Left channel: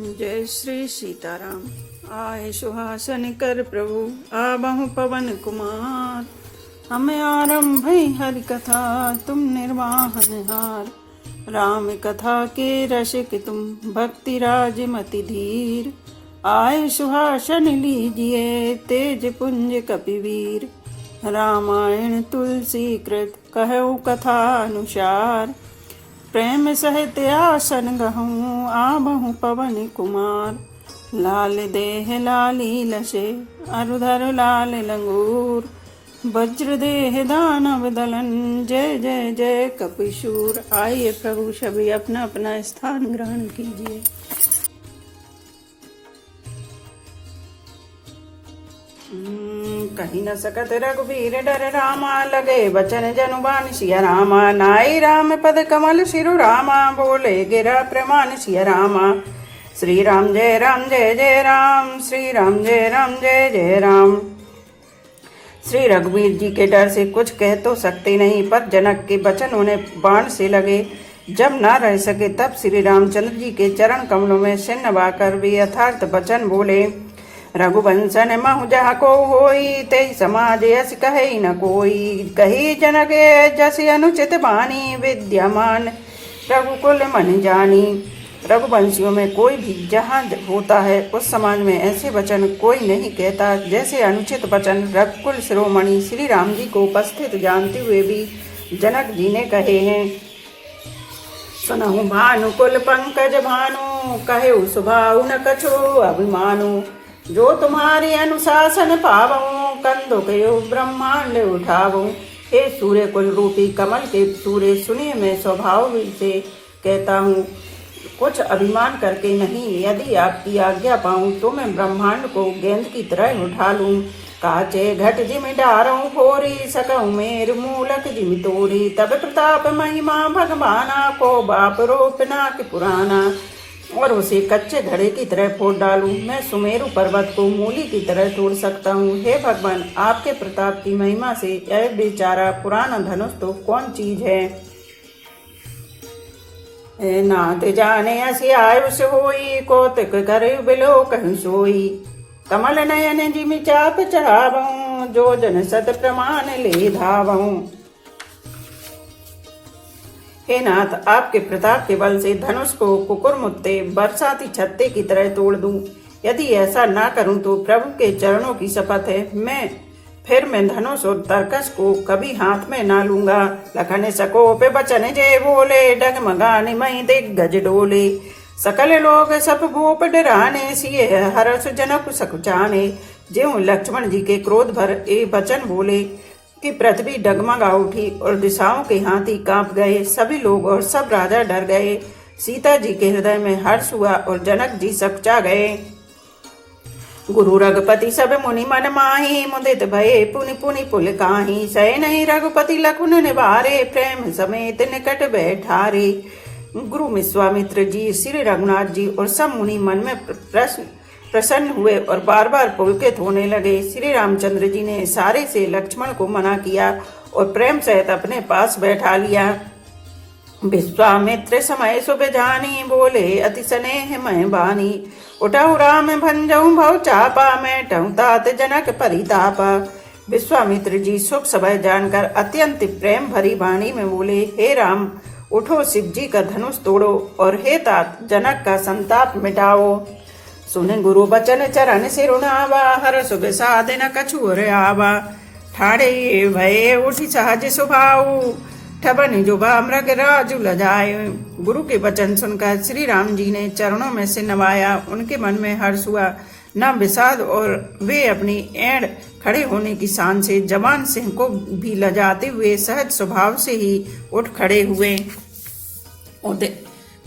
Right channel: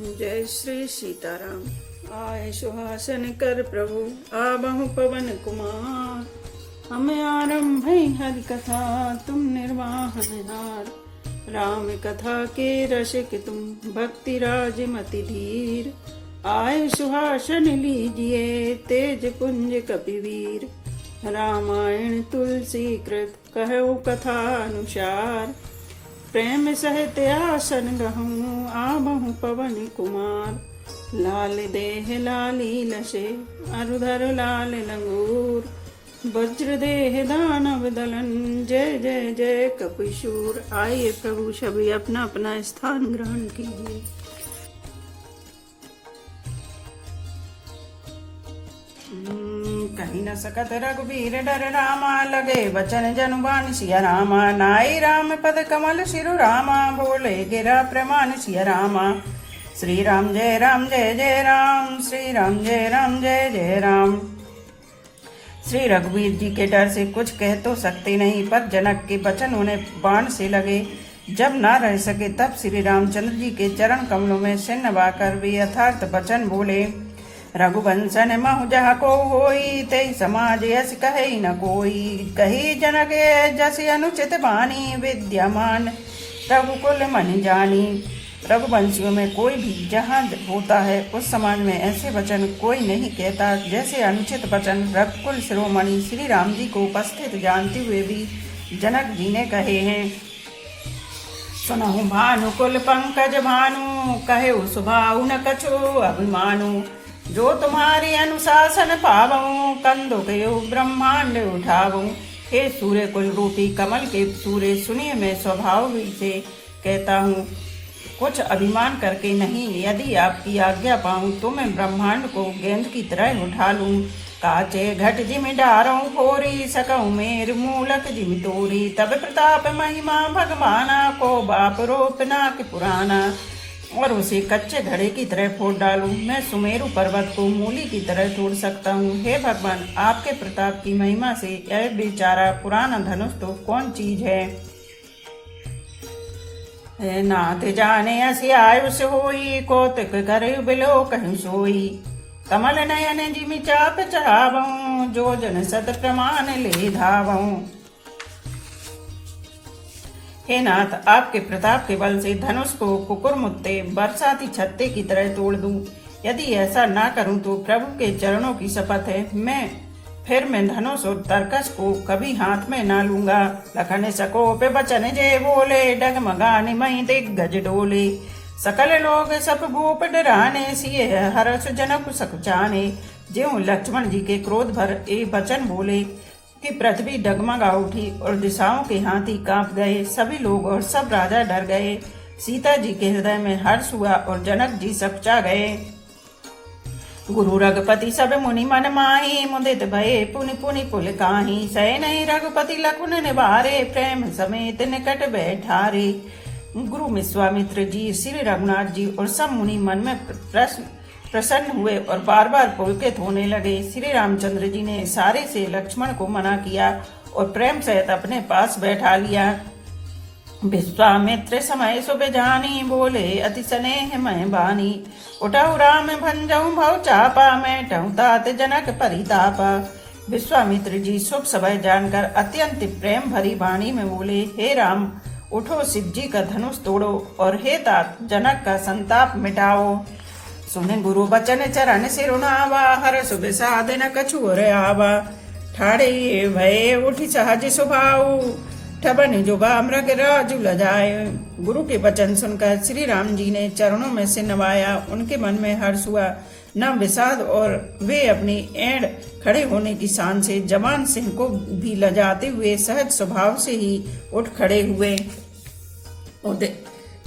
जय श्री सीताराम। आए सुहासन कर प्रभु आबहु पवन कुमार। हमें आरंभ हरि कथा तुम निर्वाहन हार। राम कथा के रसिक तुम भक्ति राज मति धीर। आए सुहासन लीजिए तेज पुंज कपिवीर। रामायण तुलसी कृत कहु कथा अनुसार। प्रेम सहित आसन गहूँ आबहु पवन कुमार। लाल देह लाली लसे अरुधर लाल लंगूर। वज्र देह दानव दलन जय जय जय कपिशूर। आइए प्रभु सभी अपना अपना स्थान ग्रहण कीजिए। कहीं न सकत रघुबीर डर रामा। लगे बचन जनुबान सिया रामा। नाई राम पद कमल सिरु रामा। बोले गिरा प्रमाण सिया रामा। श्री राम जय जय राम। श्री राम जय जय राम। श्री रघुवीर जी के डर से कुछ कह तो सकते नहीं, पर जनक के वचन उन्हें बाण से लगे। जब ना रह सके तब श्री रामचंद्र जी के चरण कमलों में सिर नवाकर वे यथार्थ वचन बोले। रघुवंशन महु जहाँ को होई तेई समाज यस कहे न कोई। कही जनक जस अनुचित बानी विद्यमान रघुकुल मन जानी। रघुवंशियों में कोई भी जहाँ होता है उस समाज में ऐसे वचन कोई नहीं कहता जैसे अनुचित वचन रघुकुल शिरोमणि श्री राम जी को उपस्थित जानते हुए भी जनक जी ने कहे हैं। सुनहु भानुकुल पंकज भानु कहे सुभाऊ न कछो अभिमानु। जो तुम्हारी अनुशासन पावऊं कंदो कयो ब्रह्मांड उठावूं। हे सूर्य कुल रूपी कमल के सूर्य सुनिए, मैं स्वभाव से कहता हूँ कुछ अभिमान करके नहीं। यदि आपकी आज्ञा पाऊं तो मैं ब्रह्मांड को गेंद की तरह उठा लूं। काचे घट जिम डारों फोरी सकऊं मेर मूलक जिम तोरी। तब प्रताप महिमा भगवाना को बाप रोपना के पुराना। और उसे कच्चे घड़े की तरह फोड़ डालूं। मैं सुमेरु पर्वत को मूली की तरह तोड़ सकता हूँ। हे भगवान, आपके प्रताप की महिमा से यह बेचारा पुराना धनुष तो कौन चीज है। नाथ जाने असी आयुष होई कौतुक करे बिलो कहीं सोई। कमल नयन जिमि चाप चढ़ावऊं जो जन सत प्रमाण ले धावऊं। हे नाथ, आपके प्रताप के बल से धनुष को कुकुर मुत्ते बरसाती छत्ते की तरह तोड़ दूं। यदि ऐसा ना करूं तो प्रभु के चरणों की शपथ है मैं धनुष और तरकस को कभी हाथ में ना लूंगा। लखन सको पे बचन जे बोले डगमगाने मई दिग्गज डोले। सकल लोग सब भूप डराने सिए हर्ष जनक सकुचाने। ज्यों लक्ष्मण जी के क्रोध भर ए वचन बोले कि पृथ्वी डगमगा उठी और दिशाओं के हाथी कांप गए। सभी लोग और सब राजा डर गए। सीता जी के हृदय में हर्ष हुआ और जनक जी सकुचा गए। गुरु रघुपति सब मुनि मन माही मुदित भये पुनि पुनि पुल काही। सहे नहीं रघुपति लखुन निवारे प्रेम समेत निकट बैठारे। गुरु विश्वामित्र जी श्री रघुनाथ जी और सब मुनि मन में प्रसन्न हुए और बार बार पुलकित होने लगे। श्री रामचंद्र जी ने इशारे से लक्ष्मण को मना किया और प्रेम सहित अपने पास बैठा लिया। विश्वामित्र समय सुब जानी बोले अति स्नेह मैं बानी। उठऊ राम भंजऊ भव चापा मैं टहु तात जनक परितापा। विश्वामित्र जी सुख समय जानकर अत्यंत प्रेम भरी वाणी में बोले, हे राम उठो शिव जी का धनुष तोड़ो और हे तात जनक का संताप मिटाओ। सुन गुरु बचन चरण सिरुनावा हर सुख साधन कछुर आवा। ठाड़े भय उठी सहज सुभाऊ ठबन जुबा मृग राजु लजाए। गुरु के वचन सुनकर श्री राम जी ने चरणों में सिर नवाया। उनके मन में हर्ष हुआ न विषाद और वे अपनी एड़ खड़े होने की शान से जवान सिंह को भी लजाते हुए सहज स्वभाव से ही उठ खड़े हुए।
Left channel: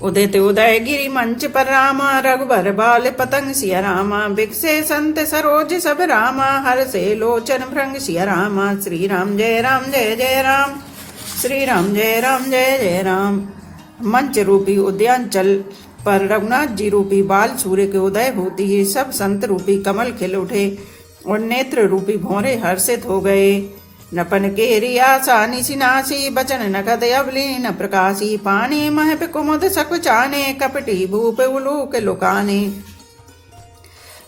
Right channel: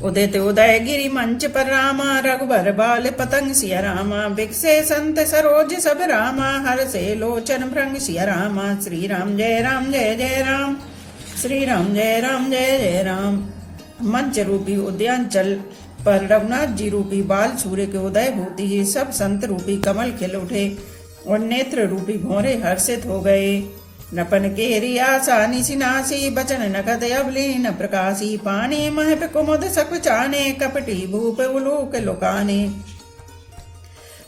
उदित उदय गिरी मंच पर रामा रघुबर बाल पतंग सिया रामा। बिकसे संत सरोज सब रामा हर से लोचन भृंग सिया रामा। श्री राम जय जय राम। श्री राम जय जय राम। मंच रूपी उद्यानचल पर रघुनाथ जी रूपी बाल सूर्य के उदय होती ही सब संत रूपी कमल खिल उठे और नेत्र रूपी भौरे हर्षित हो गए। नपन केरी आशा निशिनासी बचन नगद अवलीन प्रकाशी पानी महप कुमुद सकुचाने कपटी भूप उलूक लुकाने।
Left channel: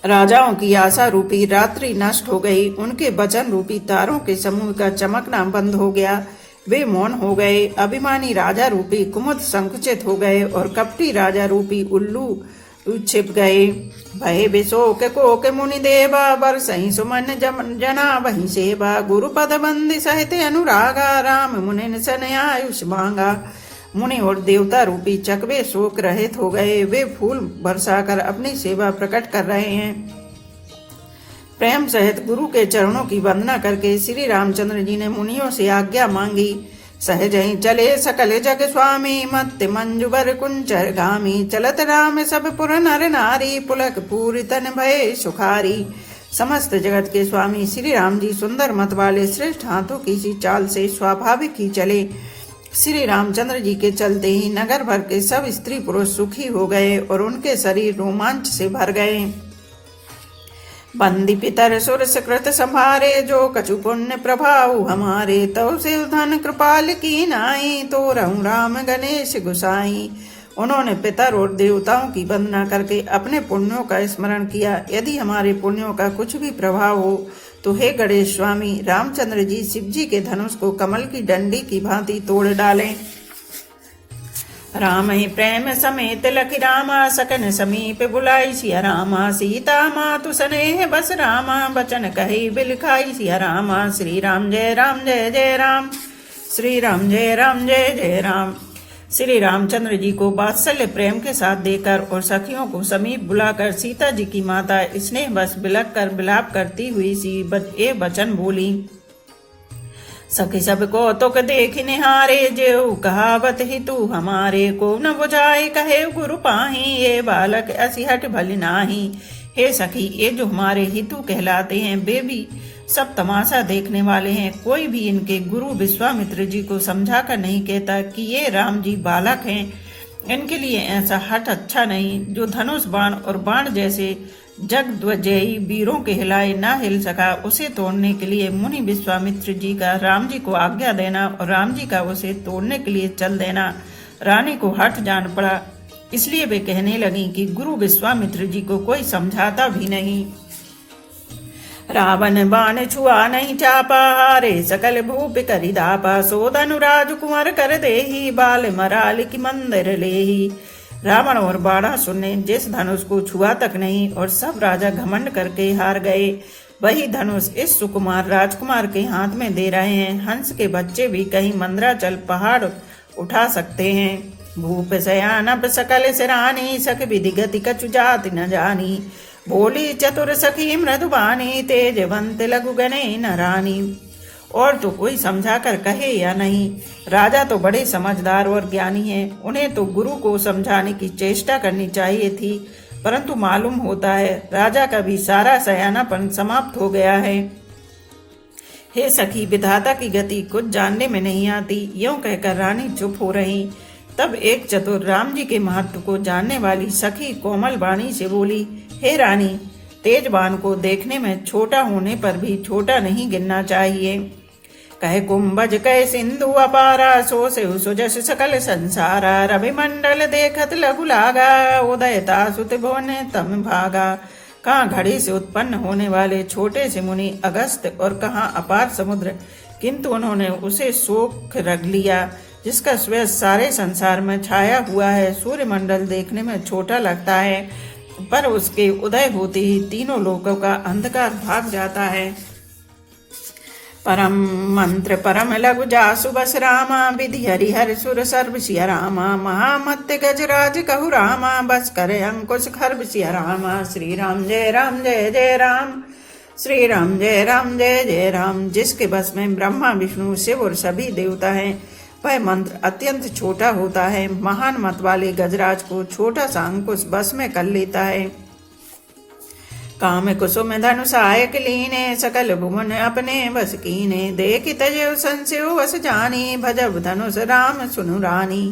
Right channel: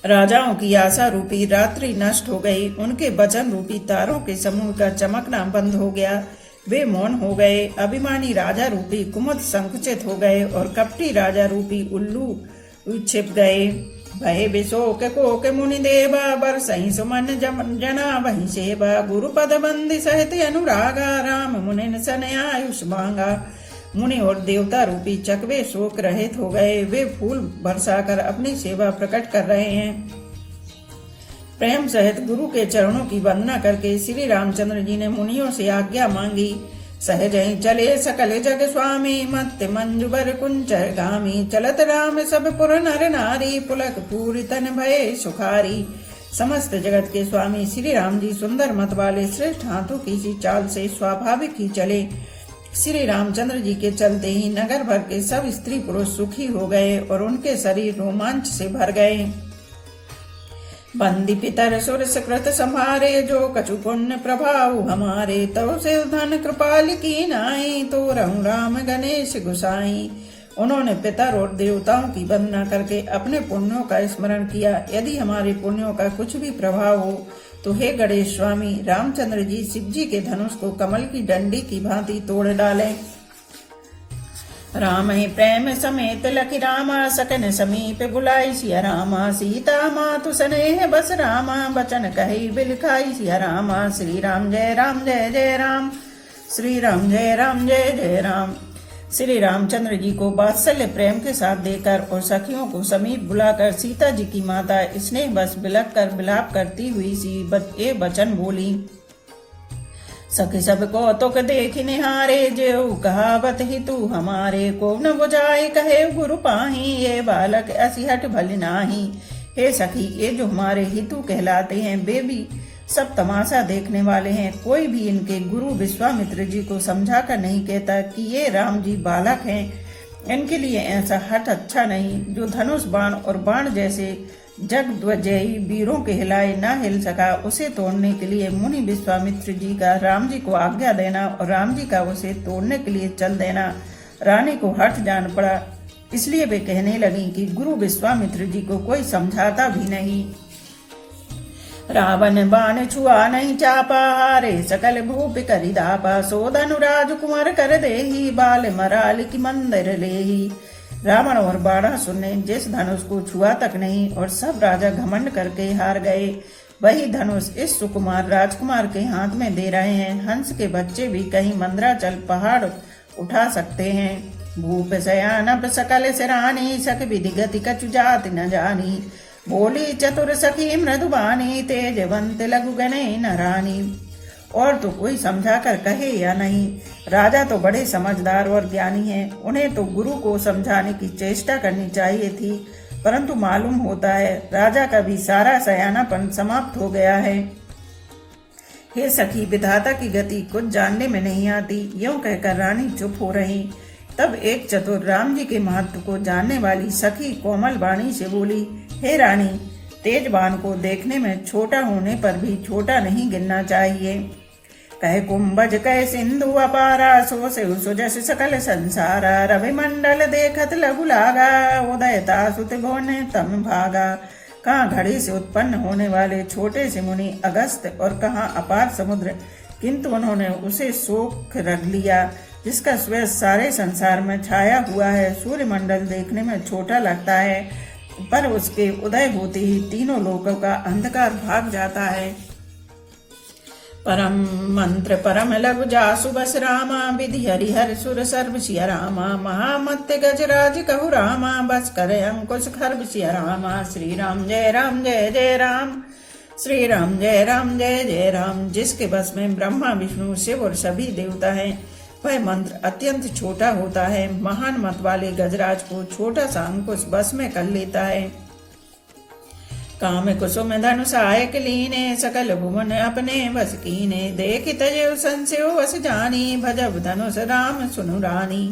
राजाओं की आशा रूपी रात्रि नष्ट हो गई, उनके वचन रूपी तारों के समूह का चमकना बंद हो गया, वे मौन हो गए। अभिमानी राजा रूपी कुमुद संकुचित हो गए और कपटी राजा रूपी उल्लू छिप गए। भय विशोक कोक मुनि देवा बरसहि सुमन जना वही सेवा गुरु पद बंदी सहित अनुरागा राम मुनि सन आयुष मांगा। मुनि और देवता रूपी चकवे शोक रहित हो गए, वे फूल बरसाकर अपनी सेवा प्रकट कर रहे हैं। प्रेम सहित गुरु के चरणों की वंदना करके श्री रामचंद्र जी ने मुनियों से आज्ञा मांगी। सहज ही चले सकल जग स्वामी मत मंजुबर कुंचर गामी चलत राम सब पुर नर नारी पुलक पूरी तन भय सुखारी। समस्त जगत के स्वामी श्री राम जी सुंदर मत वाले श्रेष्ठ हाथों की सी चाल से स्वाभाविक ही चले। श्री रामचंद्र जी के चलते ही नगर भर के सब स्त्री पुरुष सुखी हो गए और उनके शरीर रोमांच से भर गए। बंदी पितर सुर सुकृत संभारे जो कछु पुण्य प्रभाव हमारे तो से धन कृपाल की नाई तो रहूं राम गणेश गुसाई। उन्होंने पितर और देवताओं की वंदना करके अपने पुण्यों का स्मरण किया। यदि हमारे पुण्यों का कुछ भी प्रभाव हो तो हे गणेश स्वामी रामचंद्र जी शिव जी के धनुष को कमल की डंडी की भांति तोड़ डालें। राम ही प्रेम समेत लखी रामा सकन समीप बुलाई सिया रामा सीता मातु स्नेह बस रामा बचन कही बिलखाई सिया रामा। श्री राम जय जय राम श्री राम जय जय राम। श्री रामचंद्र जी को वात्सल्य प्रेम के साथ देकर और सखियों को समीप बुलाकर सीता जी की माता स्नेह बस बिलक कर विलाप करती हुई सी ये वचन बोली। सखी सब को तुक देख निहारे जेऊ कहावत ही तू हमारे को न बुझाए कहे गुरु पाही ये बालक असिहट भल नाही। हे सखी ये जो हमारे हितु कहलाते हैं वे भी सब तमाशा देखने वाले हैं। कोई भी इनके गुरु विश्वामित्र जी को समझा कर नहीं कहता कि ये राम जी बालक हैं। इनके लिए ऐसा हट अच्छा नहीं। जो धनुष बाण और बाण जैसे जगद्वजयी वीरों के हिलाए ना हिल सका उसे तोड़ने के लिए मुनि विश्वामित्र जी का राम जी को आज्ञा देना और राम जी का उसे तोड़ने के लिए चल देना रानी को हट जान पड़ा। इसलिए वे कहने लगी कि गुरु विश्वामित्र जी को कोई समझाता भी नहीं। रावण बाण छुआ नहीं चापा हारे सकल भूप करि दापा सोदनु राजकुमार कर देही बाल मराल की मंदिर लेही। रावण और बाणासुर ने जिस धनुष को छुआ तक नहीं और सब राजा घमंड करके हार गए वही धनुष इस सुकुमार राजकुमार के हाथ में दे रहे हैं। हंस के बच्चे भी कहीं मंदराचल पहाड़ उठा सकते हैं। भूप सयानप सकल सिरानी सक विधि गति कछु जाति न जानी बोली चतुर सखी मृदुबानी तेजवंत लघु गणे न रानी। और तो कोई समझा कर कहे या नहीं। राजा तो बड़े समझदार और ज्ञानी हैं, उन्हें तो गुरु को समझाने की चेष्टा करनी चाहिए थी, परंतु मालूम होता है राजा का भी सारा सयानापन समाप्त हो गया है। हे सखी विधाता की गति कुछ जानने में नहीं आती। यूं कहकर रानी चुप हो रही। तब एक चतुर राम जी के महत्व को जानने वाली सखी कोमल वाणी से बोली, हे रानी तेज बाण को देखने में छोटा होने पर भी छोटा नहीं गिनना चाहिए। कह कुंभज कह सिंधु अपारा सो से सुजस सकल संसारा रवि मंडल देखत लघु लागा उदयता सुत भुवन तम भागा। कहाँ घड़ी से उत्पन्न होने वाले छोटे से मुनि अगस्त और कहाँ अपार समुद्र, किंतु उन्होंने उसे सोख रख लिया जिसका श्वेत सारे संसार में छाया हुआ है। सूर्य मंडल देखने में छोटा लगता है पर उसके उदय होते ही तीनों लोकों का अंधकार भाग जाता है। परम मंत्र परम लघु जासु बस रामा विधि हरिहर सुर सर्व सिया रामा महामत्य गजराज कहु रामा बस करे अंकुश खर्ब सिया रामा। श्री राम जय जय राम श्री राम जय जय राम। जिसके बस में ब्रह्मा विष्णु शिव और सभी देवता हैं वह मंत्र अत्यंत छोटा होता है। महान मत वाले गजराज को छोटा सा अंकुश बस में कर लेता है। काम कुसुम धनुषायक लीने सकल भुवन अपने बस कीने देख तजव संशय वस जानी भजब धनुष राम सुनु रानी।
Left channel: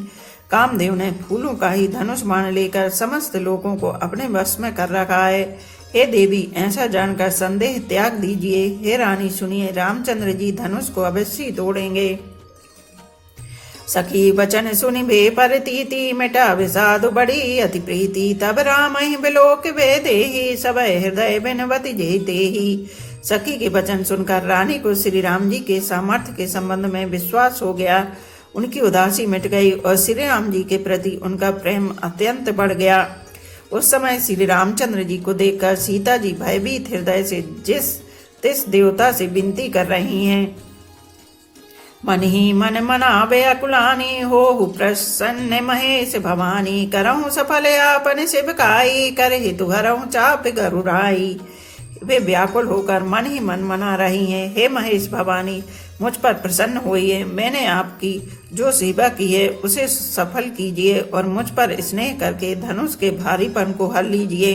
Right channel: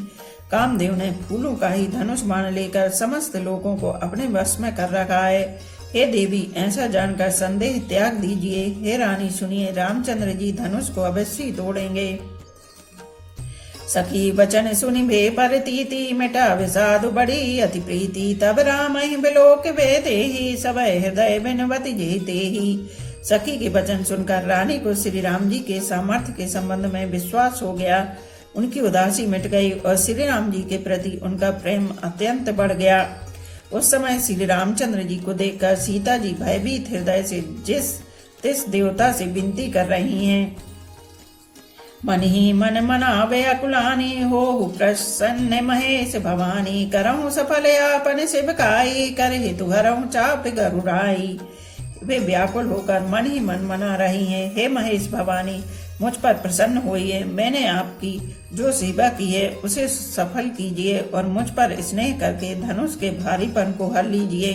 कामदेव ने फूलों का ही धनुष मान लेकर समस्त लोगों को अपने बस में कर रखा है। हे देवी, ऐसा जानकर संदेह त्याग दीजिए। हे रानी सुनिए, रामचंद्र जी धनुष को अवश्य तोड़ेंगे। सखी वचन सुनि भे परतीति, मिटा विषाद बड़ी अति प्रीति। तब राम ही बिलोक वे देहि, सब हृदय बिनवति जेते ही। सखी के वचन सुनकर रानी को श्री राम जी के सामर्थ्य के संबंध में विश्वास हो गया। उनकी उदासी मिट गई और श्री राम जी के प्रति उनका प्रेम अत्यंत बढ़ गया। उस समय श्री रामचंद्र जी को देखकर सीता जी भयभीत हृदय से तिस देवता से विनती कर रही हैं। मन ही मन मनावे अकुलानी, हो प्रसन्न महेश भवानी। करहु सफल आपन शिवकाई, कर हितु हरहु चाप गरुड़ाई। वे व्याकुल होकर मन ही मन मना रही हैं, हे महेश भवानी, मुझ पर प्रसन्न होइए। मैंने आपकी जो सेवा की है उसे सफल कीजिए और मुझ पर स्नेह करके धनुष के भारीपन को हर लीजिए।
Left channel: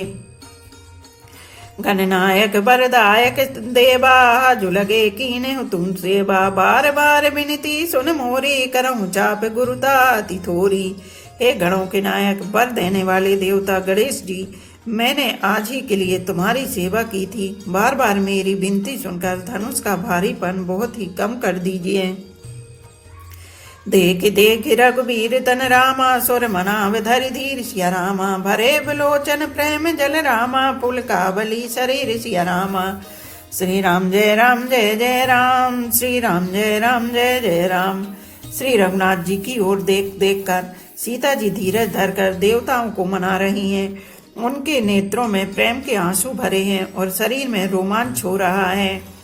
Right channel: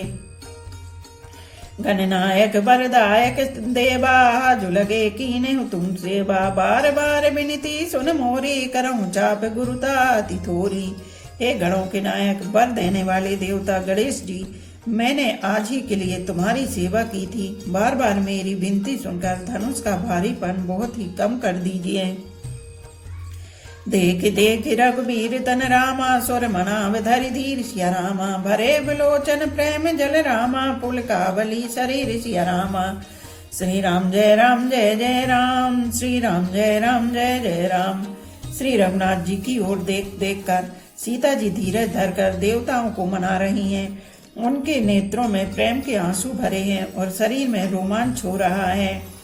गणनायक वरदायक देवा, जो लगे कीने तुम सेवा। बार बार विनती सुन मोरी, करहु चाप गुरुता अति थोरी। हे गणों के नायक, वर देने वाले देवता गणेश जी, मैंने आज ही के लिए तुम्हारी सेवा की थी। बार बार मेरी विनती सुनकर धनुष का भारीपन बहुत ही कम कर दीजिए। देख देख रघुबीर तन रामा, सुर मनाव धरि धीर सिया रामा। भरे बिलोचन प्रेम जल रामा, पुलकावली शरीर सिया रामा। श्री राम जय राम जय जय राम, श्री राम जय राम जय जय राम। श्री रघुनाथ जी की ओर देख देख कर सीता जी धीरज धरकर देवताओं को मना रही हैं। उनके नेत्रों में प्रेम के आंसू भरे हैं और शरीर में रोमांच हो रहा है।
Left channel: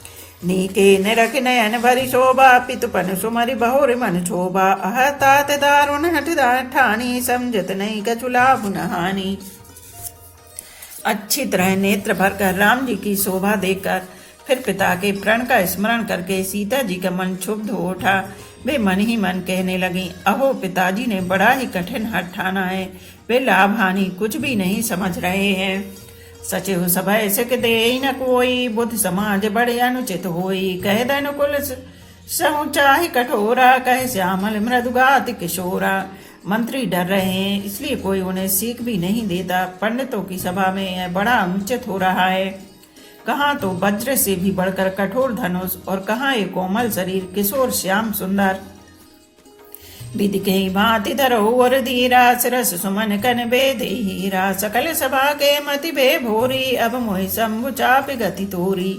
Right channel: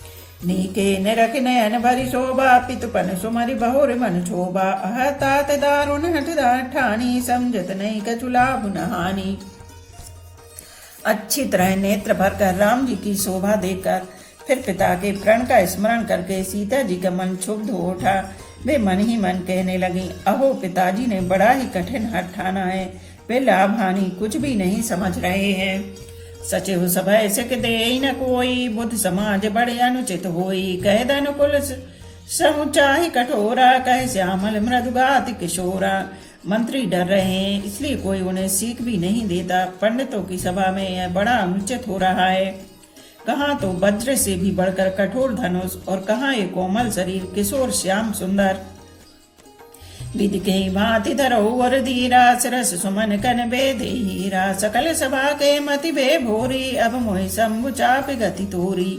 नीके निरख नयन भरी शोभा, पितुपन सुमरि बहुर मन शोभा। अह तात दारुण हठ ठानी, समझत नहीं कछु लाभ नहानी। अच्छी तरह नेत्र भरकर राम जी की शोभा देखकर फिर पिता के प्रण का स्मरण करके सीता जी का मन क्षुब्ध हो उठा। वे मन ही मन कहने लगी, अहो पिताजी ने बड़ा ही कठिन हठ ठाना है। वे लाभ हानि कुछ भी नहीं समझ रहे हैं। सचिव सभय सिख दे न कोई, बुद्ध समाज बड़े अनुचित होई। कह दनुकुल सहु चाहि कठोरा, कह श्यामल मृदुगाति किशोरा। मंत्री डर रहे हैं, इसलिए कोई उन्हें सीख भी नहीं देता। पंडितों की सभा में यह बड़ा अनुचित हो रहा है। कहाँ तो वज्र से भी बढ़कर कठोर धनुष और कहाँ एक कोमल शरीर किशोर श्याम सुंदर। विधि के भांति धरो और धीरा, सरस सुमन कन बेदे हीरा। सकल सभा के मति बे भोरी, अब मोहि शंभु चाप गति तोरी।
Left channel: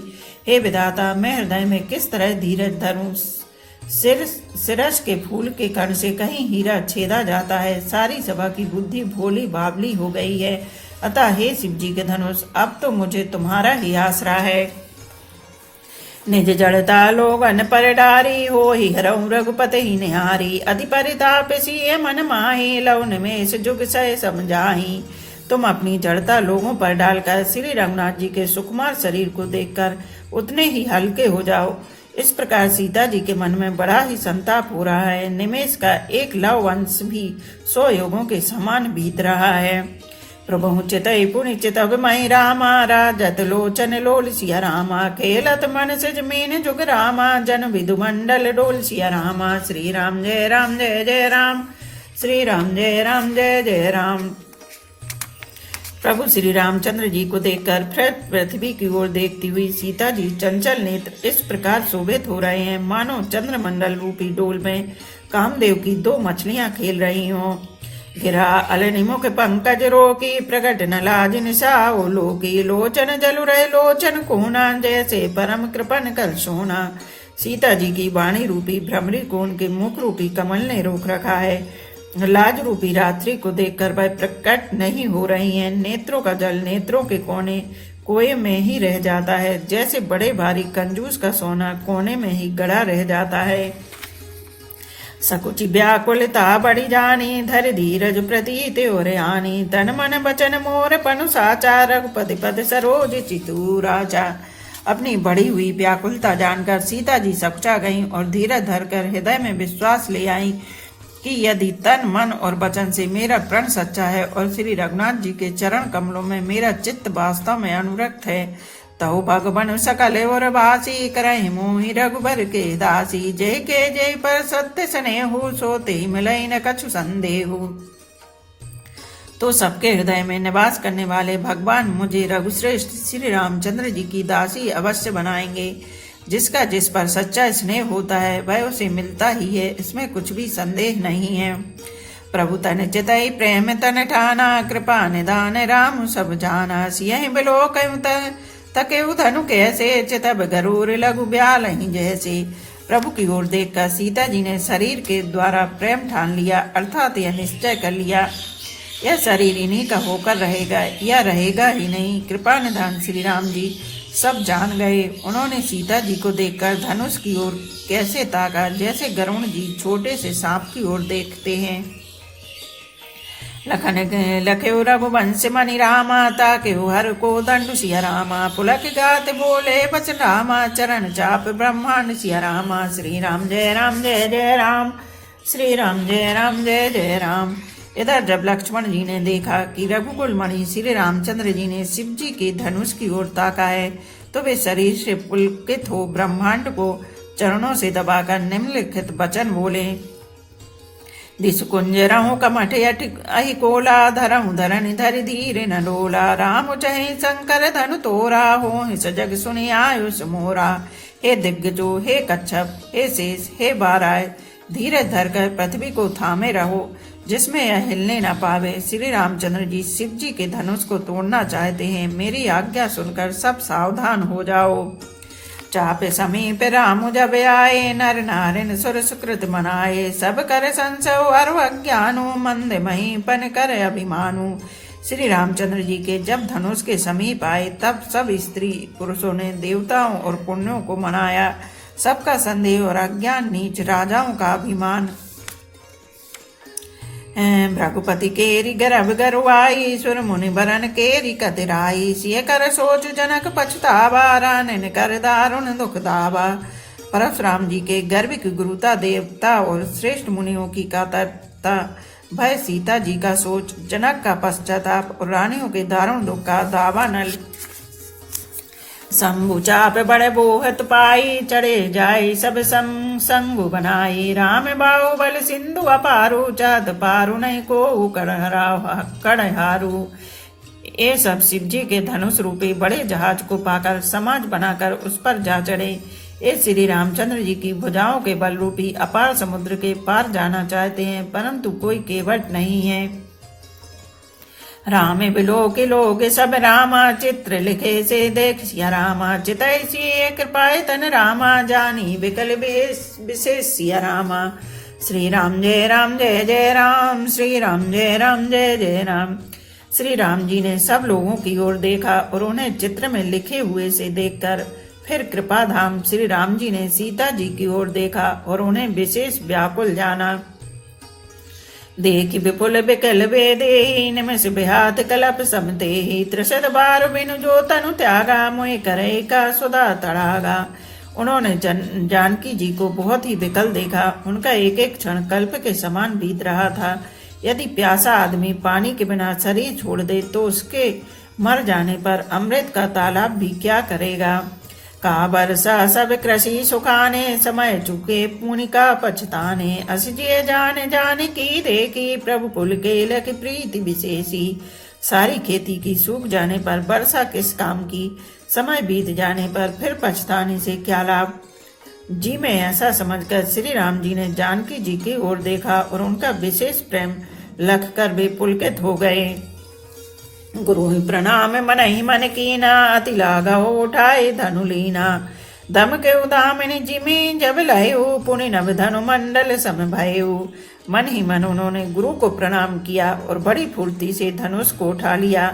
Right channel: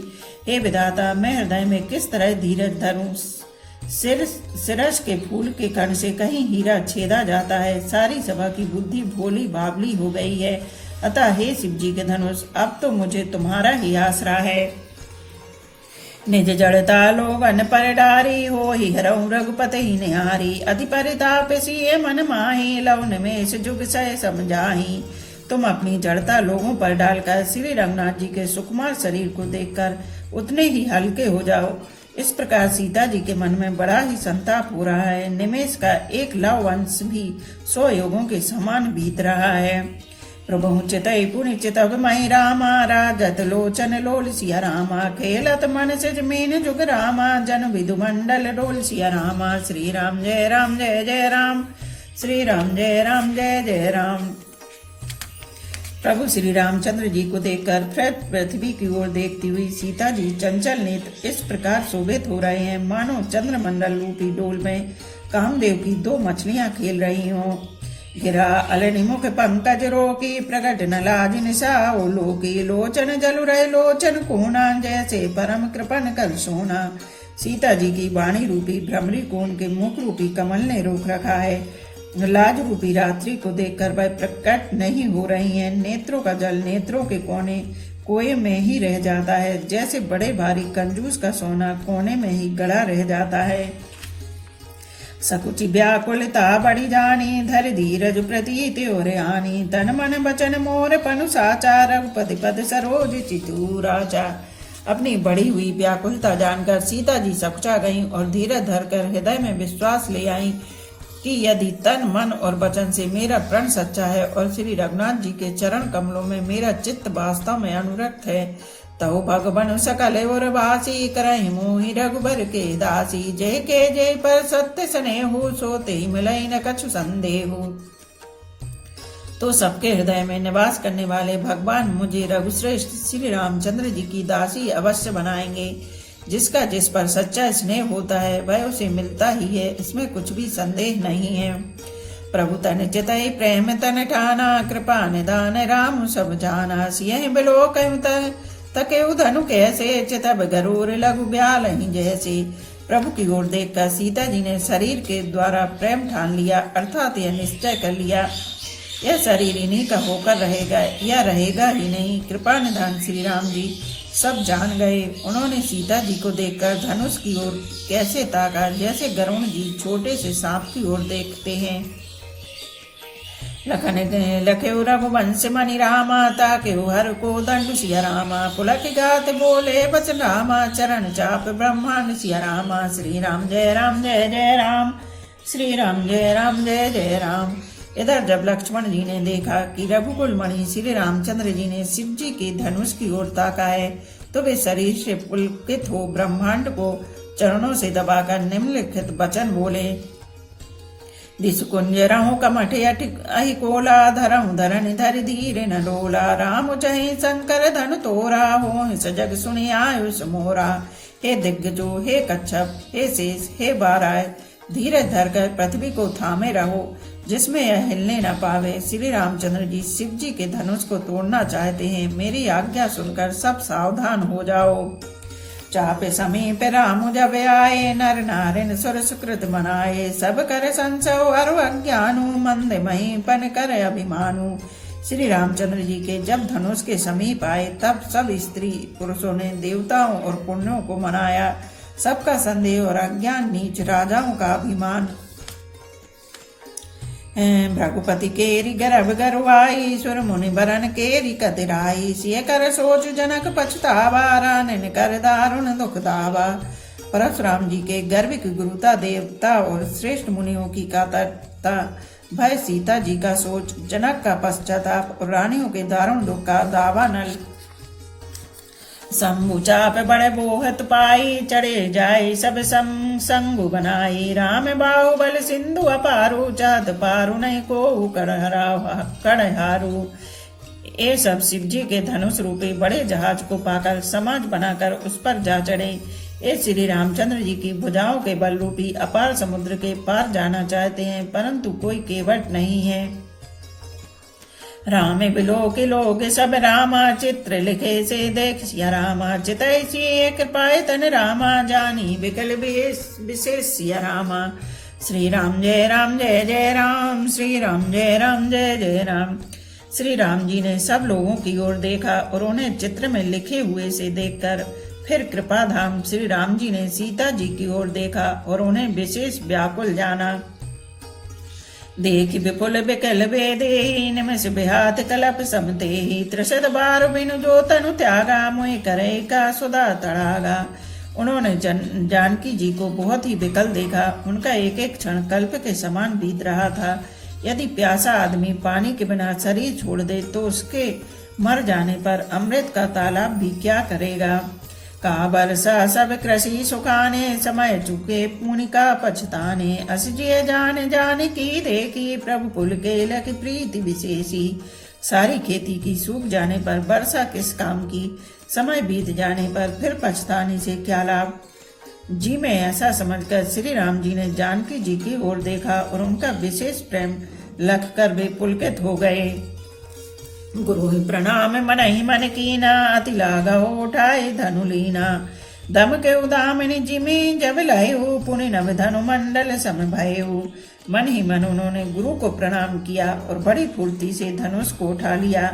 हे विधाता, मैं हृदय में किस तरह धीरज धरूं। सिरस के फूल के कण से कहीं हीरा छेदा जाता है। सारी सभा की बुद्धि भोली बाबली हो गई है। अतः हे शिव जी के धनुष, अब तो मुझे तुम्हारा ही आसरा है। निज जड़ता लोगन पर डारी, हो ही हरऊ रघुपति ही निहारी। अति परिताप सिए मन माही, लव निमेष जुग सय समझाही। तुम अपनी जड़ता लोगों पर डालकर श्री रघुनाथ जी के सुकुमार शरीर को देखकर उतने ही हल्के हो जाओ। इस प्रकार सीता जी के मन में बड़ा ही संताप हो रहा है। निमेष का एक लव अंश भी 100 योगों के समान बीत रहा है। प्रभु चितई पुनि चितव मई रामा, राजत लोचन लोल सिया रामा। खेलत मन से जमीन जुग रामा, जन विदु मंडल डोल सिया रामा। श्री राम जय राम जय जय राम, श्री राम जय राम जय जय राम। प्रभु श्री रामचंद्र जी को देखकर पृथ्वी की ओर देखती हुई सीता जी चंचल नेत्र इस प्रकार शोभित हो रहे हैं, मानो चंद्रमंडल रूपी डोल में कामदेव की 2 मछलियां खेल रही हों। गिरा अलनिमुख पंकज रोकी, प्रकट न लाज निशाओ लोकी। लोचन जलुरे लोचन कोना, जैसे परम कृपन कर सोना। सीता जी की वाणी रूपी भ्रमरी कोण के मुख रूपी कमल ने रोक रखा है। लाज रूपी रात्रि को देखकर वह प्रकट नहीं हो रही हैं। नेत्रों का जल नेत्रों के कोने कोए में ही रह जाता है, जैसे बड़े भारी कंजूस का सोना कोने में ही गड़ा रह जाता है। सकुचि व्याकुलता बड़ी जानी, धर धीरज प्रतीत और आनी। तन मन बचन मोर पनु साचा, रघुपति पद सरोज चितू राजा। अपनी बढ़ी हुई व्याकुलता जानकर सीता जी सकुचा गईं और धीरज धरकर हृदय में विश्वास ले आईं कि यदि तन मन और वचन से मेरा प्रण सच्चा है और श्री रघुनाथ जी के चरण कमलों में मेरा चित्त वास्तव में अनुरक्त है, तौ भगवन सकल और वासी, करहि मोहि रघुबर के दासी। जय के जय पर सत्य स्नेहु, सोते मिलई न कछु संदेहु। तो सबके हृदय में निवास करने वाले भगवान मुझे रघुश्रेष्ठ श्री रामचंद्र जी की दासी अवश्य बनाएंगे। जिसका जिस पर सच्चा स्नेह होता है वह उसे मिलता ही है, इसमें कुछ भी संदेह नहीं है। प्रभु तन चितई प्रेम तन ठाना, कृपा निदान राम सब जाना। सियहि बिलोक तकेउ धनु कैसे, चितब गरूर लघु ब्याल जैसे। प्रभु की ओर देखकर सीता जी ने शरीर के द्वारा प्रेम ठान लिया, अर्थात यह निश्चय कर लिया यह शरीर इन्हीं का होकर रहेगा, यह रहेगा ही नहीं। कृपा निधान श्री राम जी सब जान गए। उन्होंने सीता जी को देखकर धनुष की ओर कैसे ताका, जैसे गरुण जी छोटे से सांप की ओर देखते हैं। लखन लखेउ रघुवंश मणि रामा, ताकेउ हर को दंड सिया रामा। पुलक गात बोले बचन रामा, चरण चाप ब्रह्मांड सिया रामा। श्री राम जय जय राम, श्री राम जय जय राम। इधर जब लक्ष्मण जी ने देखा कि रघुकुल मणि श्री रामचंद्र जी ने शिव जी के धनुष की ओर ताका है, तो वे शरीर से पुलकित हो ब्रह्मांड को चरणों से दबाकर निम्नलिखित वचन बोले। दिस कुंज रहूं कमठ अहि कोला, धरहूं धरन धरि धीर न डोला। राम चहि शंकर धनु तोरा, हो सजग सुनि आयुष मोरा। हे दिग्गजो, हे कच्छप, हे शेष, हे बाराय, धीरज धरकर पृथ्वी को थामे रहो, जिसमें यह हिलने न पावे। श्री रामचंद्र जी शिव जी के धनुष को तोड़ना चाहते हैं, मेरी आज्ञा सुनकर सब सावधान हो जाओ। चाप समीप राम जब आए, नर नारिन सुर सुकृत मनाए। सब कर संशय और अज्ञानु, मंद महीपन कर अभिमानु। श्री रामचंद्र जी के जब धनुष के समीप आए, तब सब स्त्री पुरुषों ने देवताओं और पुण्यों को मनाया। सबका संदेह और अज्ञान नीच, राजाओं का अभिमान। भ्रघुपति केरी गर्भ गरुआई, सुर मुनि बरन केरी कतिराई। सिय कर सोच जनक पछतावा, रानन कर दारुण दुख दावा। परशुराम जी के गर्भ की गुरुता, देवता और श्रेष्ठ मुनियों की कातरता, भय सीता जी का सोच, जनक का पश्चाताप और रानियों के दारुण दुख का दावा नल। शंभु चाप बड़े बोहत पाई, चढ़े जाई सब संगु बनाई। राम बाहुबल सिंधु अपारू, चाहत पारू नहीं को कड़हारू। ये सब शिव जी के धनुष रूपी बड़े जहाज को पाकर समाज बनाकर उस पर जा चढ़े। ये श्री रामचंद्र जी की भुजाओं के बल रूपी अपार समुद्र के पार जाना चाहते हैं, परंतु कोई केवट नहीं है। राम बिलो के लोग सब रामा, चित्र लिखे से देख सिया रामा। चितई सिय कृपाए तन रामा, जानी विकल विशेष सिया रामा। श्री राम जय जय राम, श्री राम जय जय राम। श्री राम जी ने सब लोगों की ओर देखा और उन्हें चित्र में लिखे हुए से देखकर फिर कृपा धाम श्री राम जी ने सीता जी की ओर देखा और उन्हें विशेष व्याकुल जाना। देख विपुल बिकल बेदेहि, निमिष बिहात कलप समतेहि। त्रिशत बार बिनु जो तनु त्यागा, मोहि करे का सुधा तड़ागा। उन्होंने जानकी जी को बहुत ही विकल देखा। उनका एक एक क्षण कल्प के समान बीत रहा था। यदि प्यासा आदमी पानी के बिना शरीर छोड़ दे तो उसके मर जाने पर अमृत का तालाब भी क्या करेगा। का बरसा सब कृषि सुखाने, समय चुके पुनिका पछताने। असजिए जान की देखी, प्रभु कुल के लख प्रीति विशेषी। सारी खेती की सूख जाने पर वर्षा किस काम की, समय बीत जाने पर फिर पछताने से क्या लाभ। जी में ऐसा समझकर श्री राम जी ने जानकी जी की ओर देखा और उनका विशेष प्रेम लख कर वे पुलकित हो गए। गुरु प्रणाम मन ही मन कीना, अति लाघव उठाए धनु लीना। दम के उदामिनी जिमी जब लयु, पुनि नव धनु मंडल सम भयु। मन ही मन उन्होंने गुरु को प्रणाम किया और बड़ी फुर्ती से धनुष को उठा लिया।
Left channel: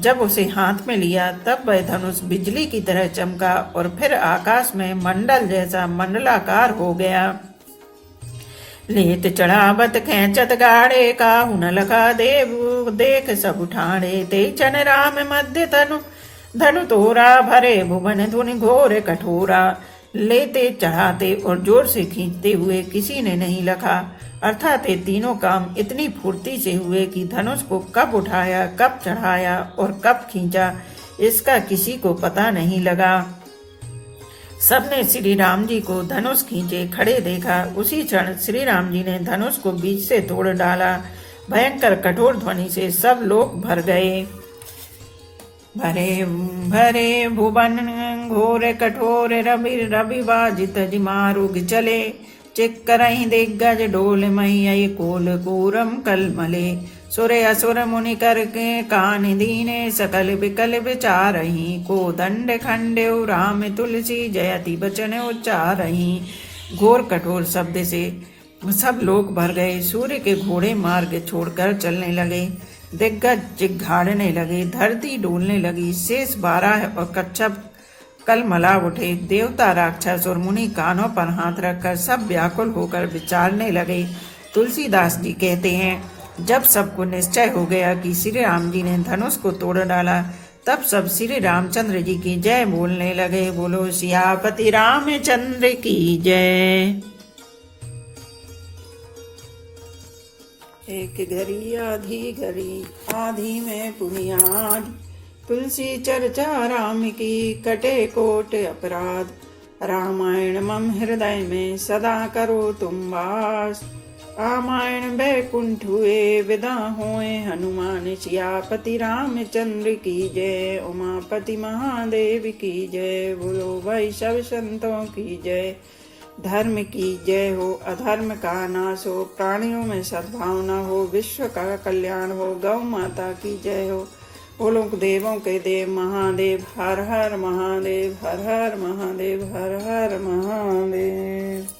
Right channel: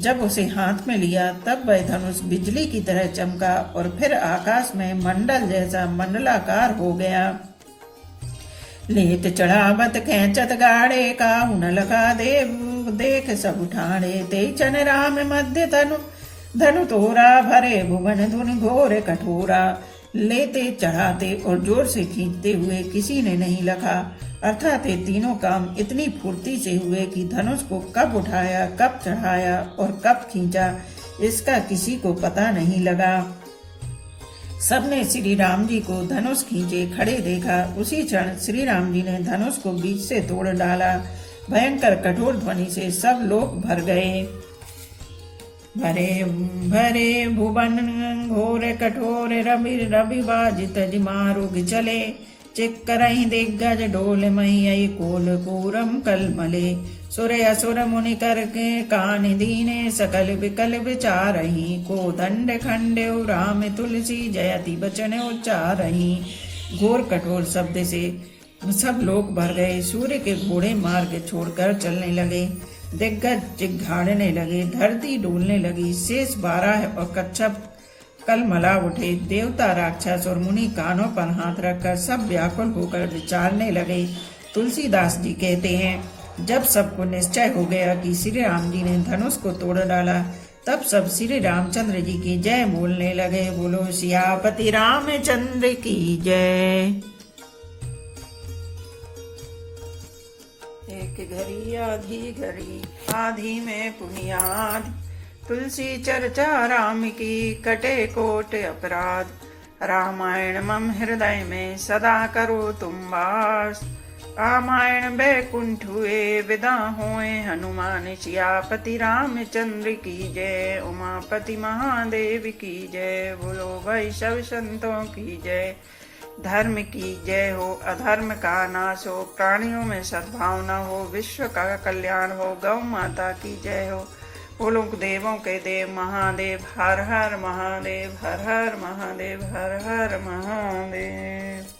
जब उसे हाथ में लिया तब वह धनुष बिजली की तरह चमका और फिर आकाश में मंडल जैसा मंडलाकार हो गया। लेत चढ़ावत खेचत गाड़े, काहू न लगा देव देख सब ठाणे। ते चन राम मध्य धनु तोरा, भरे भुवन धुनि घोर कठोरा। लेते चढ़ाते और जोर से खींचते हुए किसी ने नहीं लखा, अर्थात ये तीनों काम इतनी फुर्ती से हुए कि धनुष को कब उठाया, कब चढ़ाया और कब खींचा इसका किसी को पता नहीं लगा। सबने श्री राम जी को धनुष खींचे खड़े देखा। उसी क्षण श्री राम जी ने धनुष को बीच से तोड़ डाला। भयंकर कठोर ध्वनि से सब लोग भर गए। भरे भरे भुवन घोर कठोर रवि रवि बाजित जिमारुग चले। चिक्करहि दिग्गज डोल मही कोल पूरम कलमले। सुरे असुर मुनि कर के कान दीने सकल विकल विचारही। को दंड खंडेउ राम तुलसी जयति बचन उच्चारही। घोर कठोर शब्द से सब लोग भर गए। सूर्य के घोड़े मार्ग छोड़कर चलने लगे। दिग्गज चिघाड़ने लगे, धरती डोलने लगी। शेष 12 और कच्छप कल मला उठे। देवता राक्षस और मुनि कानों पर हाथ रखकर सब व्याकुल होकर विचारने लगे। तुलसीदास जी कहते हैं, जब सबको निश्चय हो गया कि श्री राम जी ने धनुष को तोड़ डाला, तब सब श्री रामचंद्र जी की जय बोलने लगे। बोलो सियापति रामचंद्र की जय। एक घड़ी आधी में पुनियाद। तुलसी चर्चा राम की कटे कोट अपराध। रामायण मम हृदय में सदा करो तुम वास। रामायण बैकुंठ हुए विदा होए हनुमान। सियापति रामचंद्र की जय। उमापति महादेव की जय। बोलो भाई सब संतों की जय। धर्म की जय हो, अधर्म का नाश हो, प्राणियों में सद्भावना हो, विश्व का कल्याण हो। गौ माता की जय हो। बोलो देवों के देव महादेव। हर हर महादेव, हर हर महादेव, हर हर महादेव।